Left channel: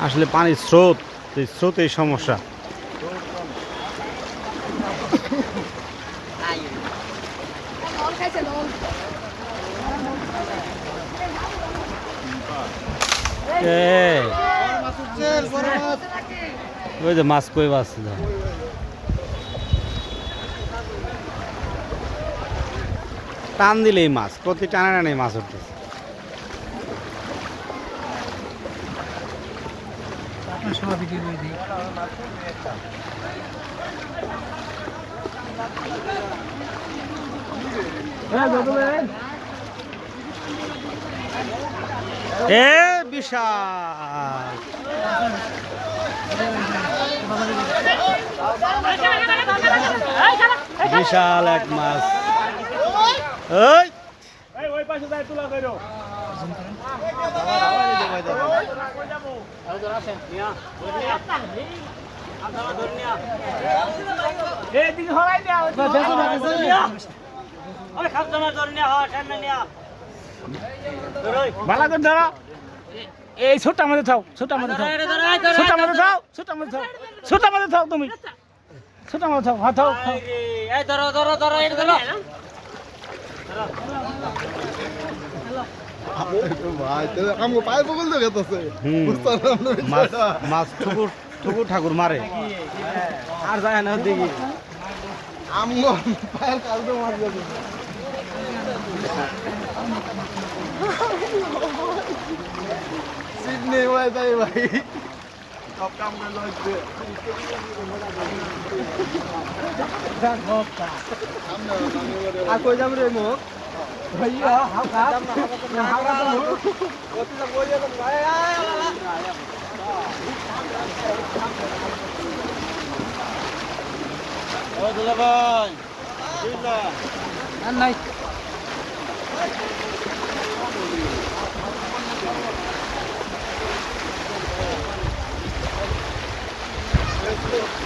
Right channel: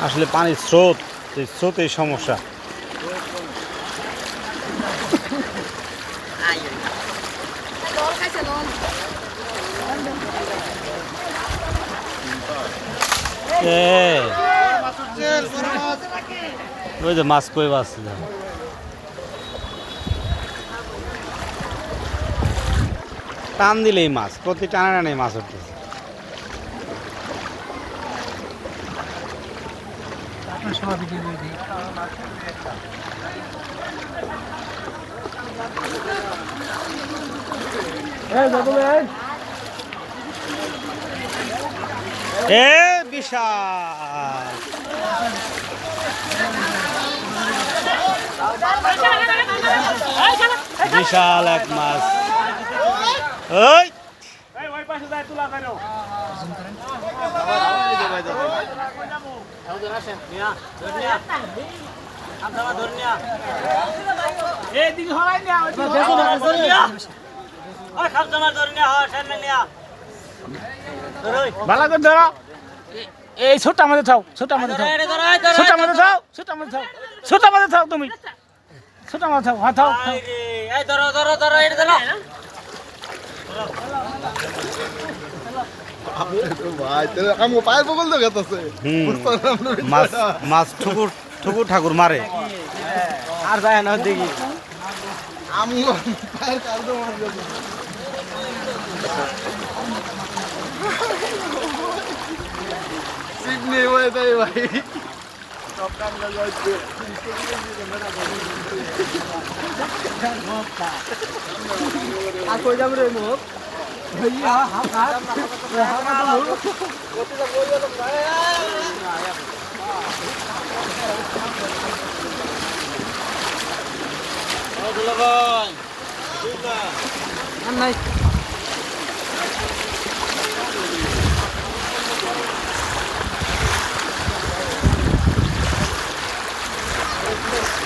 আসলে পানির স্রোত এই স্রোতের সমস্যা। এ, ওই যে মাছ কই মাছ টান দিলেই মাছ প্রতি টানা টানে মাছ উঠতেছে aşağı bir geliyor diyor. Gel baba gel. Ee Bişar. Bişal ekmez. Hey! ওই ভালো করে ধরো। এই ছোট আমাদের থাও ছোট আমাদের থাও ছোট আমাদের থাও ছোট আমাদের থাও ছোট আমাদের থাও তুমি। ছোট আমাদের থাও হাত থাও। ভাই তাহলে আমগো পায়ের বগল ঠুকুর মারে আর যায় না দেখি পায়ের কালকে মাছ সিডনি ভাই ভাই আর কই যাব রে মুখ ভাইয়া হাও কাট আর নাই Bravo.